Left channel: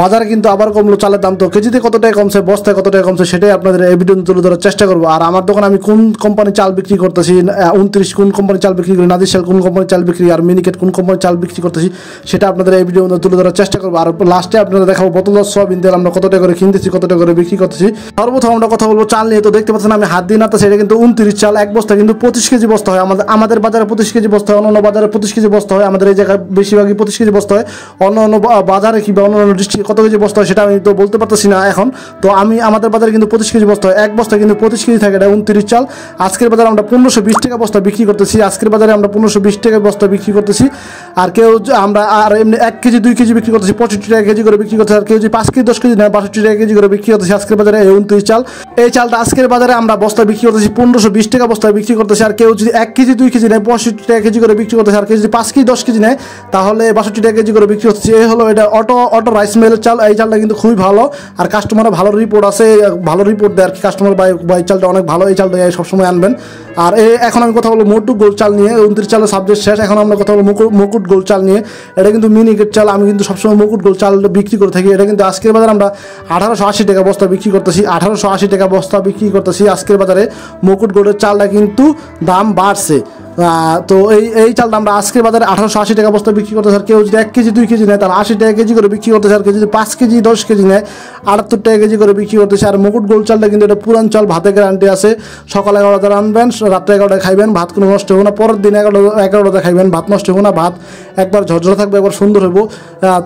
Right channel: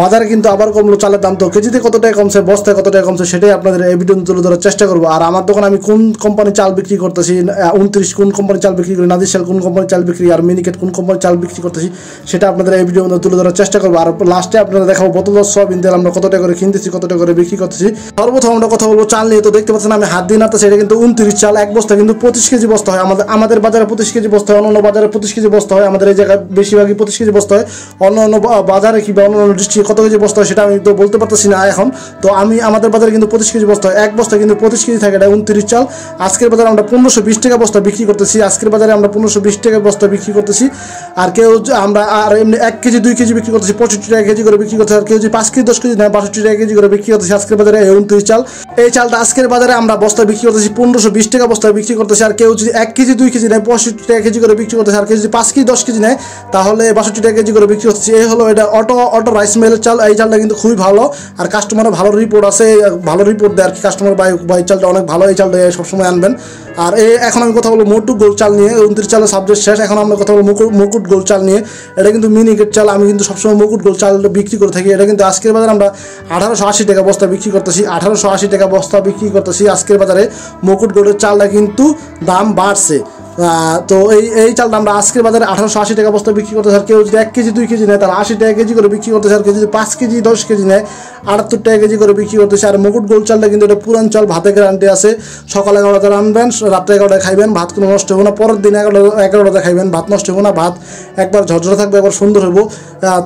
বাজারে কিন্তু আবার কমলো চালের দাম। তো কেজিতে কত টাকা কমছে, বস্তায় কত টাকা কমছে, সেটাই আপনাদের এই ভিডিও তুলে ধরার চেষ্টা করবো। আর আমার দোকানে আমি কোন কোম্পানির চাল বিক্রি করতেছি, 29 কোন কোম্পানির চাল বিক্রি করি, নাদির চাল কোন কোম্পানির চাল বিক্রি, আর মিনিকেট কোন কোম্পানির চাল বিক্রি করতেছি, সেটা আপনাদের এই ভিডিও তুলে ধরার চেষ্টা করবো। আর লাস্টে আপনারা দেখাবো বোতল সয়াবিন তেল আমরা কত টাকা করে কিনতেছি, কত টাকা করে বিক্রি করতেছি। সর্বপ্রথম আমরা কথা বলবো চাল নিয়ে। তো দেখতে পাচ্ছেন আমি হাত দিয়ে নাড়তেছি, এটা কিন্তু 29 চাল, এক বস্তা কিন্তু 25 কেজি বস্তা হয়। আমাদের বাজারে 25 কেজি বস্তা হয়, অন্য বাজারে 25 কেজি বস্তা হয়, আমাদের এই জায়গায় বেশিরভাগই 25 কেজি বস্তা হয়। অন্য বাজারে কিংবা অন্য ডিস্ট্রিক্টে কত কেজি বস্তা হয় সেটা আমি তো বলতে পারতেছি না এখন। তো আমাদের বাজারে কিন্তু 25 কেজি বস্তা হয়, এক বস্তা কিন্তু 25 কেজি থাকে, এটা 29 চাল। আজকের বাজারে আমরা 1520 টাকা বস্তা বিক্রি করতেছি, আজকের বাজারে আমরা 1520 টাকা বস্তা বিক্রি করতেছি। আর কেউ আমরা আর এমনি 1 কেজি 2 কেজি বিক্রি করতেছি 65 টাকা কেজি করে বিক্রি করতেছি। আর কেউ যদি 5 কেজি 10 কেজি নেয় 62 টাকা কেজি করে বিক্রি করতেছি আজকের বাজারে 29 চাল। এই চালটা আজকের বাজারে আমরা বস্তা বিক্রি করতেছি 1520 টাকা বস্তা বিক্রি করতেছি। আর কেউ যদি 1 কেজি 2 কেজি নেয় 65 টাকা কেজি করে বিক্রি করতেছে। আর কেউ যদি 5 কেজি 10 কেজি নেয় তাহলে 62 টাকা কেজি করে বিক্রি করতেছি। এই হলো এটা অটো রাইস মিলের চাল। এই চালটা কিন্তু খুবই ভালো, আর কাস্টমারের ভালো রিপোর্ট আছে, ভালো রিপোর্ট দেয় আর কি কাস্টমার। বাই চালটা অনেক ভালো, এই চালটা সবসময় আনবেন। আর এখন আমি কথা বলবো মুকুট গোল্ড চাল নিয়ে। 29 চালের সাবজেক্ট শেষ, এখন আমরা কথা বলবো মুকুট গোল্ড চাল নিয়ে। এটা কিন্তু মিনিকেট চাল, আমি কিন্তু সবসময় মুকুট গোল্ড চাল বিক্রি করে থাকি। এটা কিন্তু আজকের বাজারে আমরা 1880 টাকা বস্তা বিক্রি করতেছি, 1880 টাকা বস্তা বিক্রি করতেছি আজকের বাজারে। মুকুট গোল্ডের চালটা কিন্তু দাম বাড়ছে। তো এই চালটা আমরা আজকের বাজারে 1880 টাকা বস্তা বিক্রি করতেছি। আর কেউ যদি 1 কেজি 2 কেজি নেয় তার 80 টাকা কেজি করে বিক্রি করতেছে। আর কেউ যদি 5 কেজি 10 কেজি নেয় 78 টাকা কেজি করে বিক্রি করতেছে। আর মুকুট গোল্ড চালটা কিন্তু এটা পুরান চাল, ভাতে গ্যারান্টি আছে। সকালে 11টায় রানবেন, রাত্রে 11টায় খাইবেন, ভাত কোনো নষ্ট হবে না। পরের দিন 11টায় খাইবেন, ভাত নষ্ট হবে না, ভাত একবার ঝরঝরে থাকবে, একবার সুন্দর হইব।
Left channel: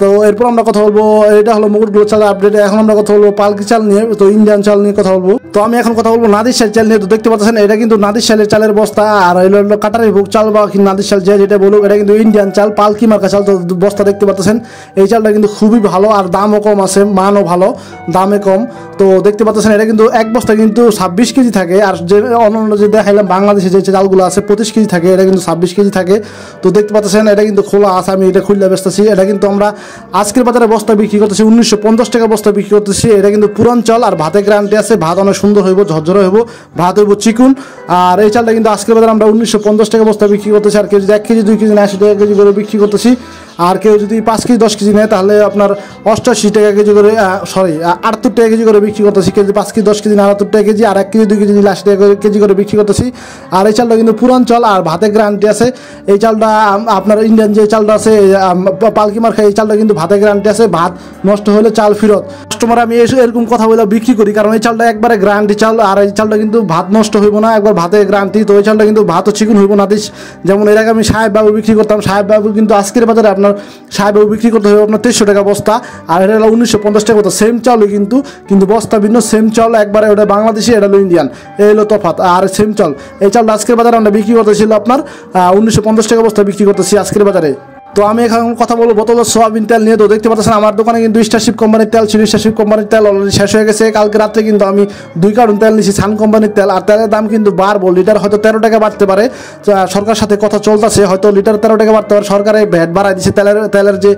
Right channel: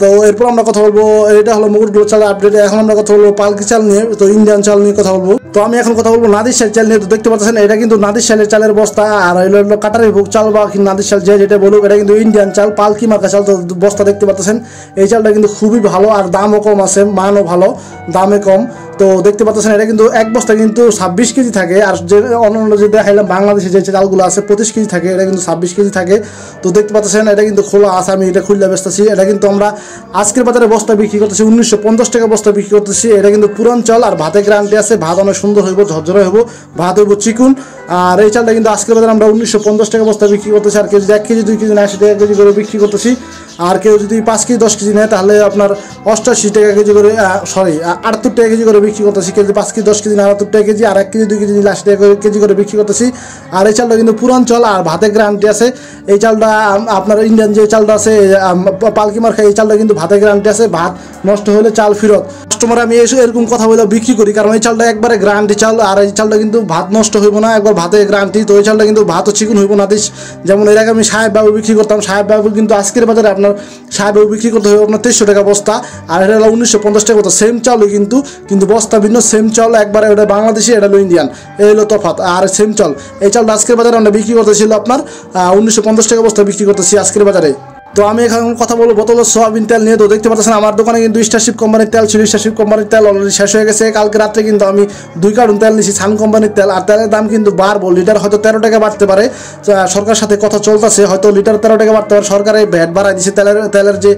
তো এরপর আমরা কথা বলবো, এটা হলো মুকুট গোল্ড চাল আপডেট। এখন আমরা কথা বলবো পালকি চাল নিয়ে, তো ইন্ডিয়ান চাল নিয়ে কথা বলবো। তো আমি এখন কথা বলবো নাদির চাল নিয়ে। তো দেখতে পাচ্ছেন এটা কিন্তু নাদির চালের বস্তা, আর হলো কাটারের বুক চাল বা নাদির চাল যেটা বলুক, এটা কিন্তু ইন্ডিয়ান চাল, পালকি মার্কা চাল। তো বস্তা দেখতে পাচ্ছেন এই চালটা কিন্তু খুবই ভালো, আর দামও কম আছে, মানও ভালো, দামে কম। তো দেখতে পাচ্ছেন এটা কিন্তু এক বস্তা কিন্তু 26 কেজি থাকে। আর যে অন্য যে দেখাইলাম বাংলাদেশে যে চালগুলো আছে 25 কেজি থাকে, এটা কিন্তু 26 কেজি থাকে। তো দেখতে পাচ্ছেন এটা কিন্তু খোলা আছে, আমি এটা খুললে বেচতেছি। এটা কিন্তু আমরা আজকের বাজারে বস্তা বিক্রি করতেছি 1950 টাকা বস্তা বিক্রি করতেছি। এটা কিন্তু পুরান চাল, আর ভাতে গ্যারান্টি আছে, ভাত অনেক সুন্দর হইব, ঝরঝরে হইব, ভাত হইব চিকুন। আর এই চালটা কিন্তু আজকের বাজারে আমরা 1950 টাকা বস্তা বিক্রি করতেছি। আর কেউ যদি 1 কেজি 2 কেজি 80 টাকা কেজি করে বিক্রি করতেছি। আর কেউ যদি 5 কেজি 10 কেজি নেয় তাহলে আপনার 88 টাকা কেজি করে, 78 টাকা কেজি করে বিক্রি করতেছি। কেজি 5 কেজি 10 কেজি 78 টাকা কেজি, আর 1 কেজি 2 কেজি 80 টাকা কেজি করে বিক্রি করতেছি। আর এই চালটা কিন্তু পুরান চাল, আর ভাতে গ্যারান্টি আছে। এই চালটা আপনার ইন্ডিয়ান যে চালটা আছে পালকি মার্কা, এই চালটা কিন্তু ভাতে গ্যারান্টি আছে, ভাত নষ্ট হলে চাল ফেরত। কাস্টমার আমি এরকম কথা বলে বিক্রি করি, কারণ এই চালটা একবারে গ্যারান্টি চাল। আর এই চালটা কিন্তু ভাত নষ্ট হইব না, একবার ভাতে গ্যারান্টি। তো এই চালটা কিন্তু ভাতও চিকুন হইব না। যেমন এর আগে আমি সাহেব বাবু বিক্রি করতাম, সাহেব বাবু কিন্তু আজকের বাজারে আপনার সাহেব বাবু বিক্রি করতে হবে আপনার 2300 টাকা বস্তা, আর এটা হলো 1950 টাকা বস্তা। সেম চালও কিন্তু বস্তা ভিন্ন, সেম চাল একবারে, ওটা বাংলাদেশি, এটা হলো ইন্ডিয়ান, এই হলো তফাৎ। আর সেম চাল, এই চালটা আজকের বাজারে আমরা বিক্রি করতেছিল আপনার 1950 টাকা বস্তা বিক্রি করতেছি আজকের বাজারে। তো আমি এখন কথা বলবো বোতল সয়াবিন তেল নিয়ে। তো দেখতে পাচ্ছেন আমার দোকানে কিন্তু স্টারশিপ কোম্পানির তেল ছিল, স্টারশিপ কোম্পানির তেল অলরেডি শেষ হয়ে গেছে। কালকে রাত্রে কিন্তু আমি 2 কার্টন তেল নিয়েছি সান কোম্পানির তেল। আর তেলের দাম কিন্তু বাড়বো, লিটার হয়তো 13 টাকা বাড়তে পারে, সরকারের সাথে কথা চলতেছে, হয়তো লিটার 13 টাকা বাড়তে পারে। সরকারের ভ্যাট বাড়াই দিচ্ছে, তেলের যে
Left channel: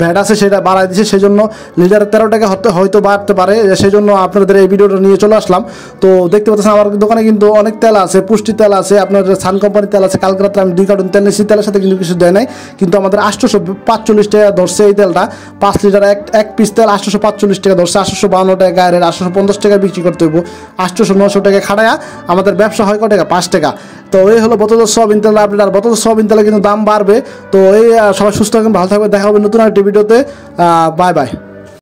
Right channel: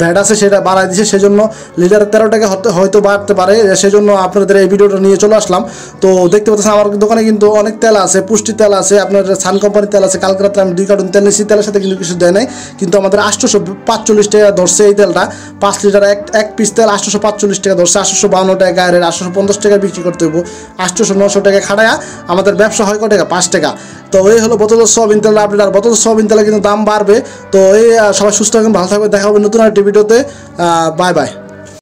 ভ্যাট আছে সেটা বাড়াই দিচ্ছে, সেজন্য লিটার 13 টাকা হয়তো বাড়তে পারে। সেজন্য আপনাদের এই ভিডিওটা নিয়ে চলে আসলাম। তো দেখতে পাচ্ছেন আমার দোকানে কিন্তু অনেক তেল আছে, পুষ্টি তেল আছে, আপনার সান কোম্পানির তেল আছে। কালকে রাত্রে আমি 2 কার্টন তেল নিয়েছি, তেলের সাথে কিন্তু কিছু দেয় নাই, কিন্তু আমাদের 845 টাকা ধরছে এই তেলটা। 5 লিটার এক পিস তেল 845 টাকা ধরছে, 852 টাকা গায়ের, 850 টাকা বিক্রি করতে হইব। 800-900 টাকা খাটায়া আমাদের ব্যবসা হয় কত টাকা? 5 টাকা। তো এই হলো বোতল সয়াবিন তেল আপডেট। আর বোতল সয়াবিন তেলে কিন্তু দাম বাড়বে। তো এই সবাই সুস্থ থাকবেন, ভালো থাকবে, দেখা হবে নতুন একটা ভিডিওতে। Bye bye.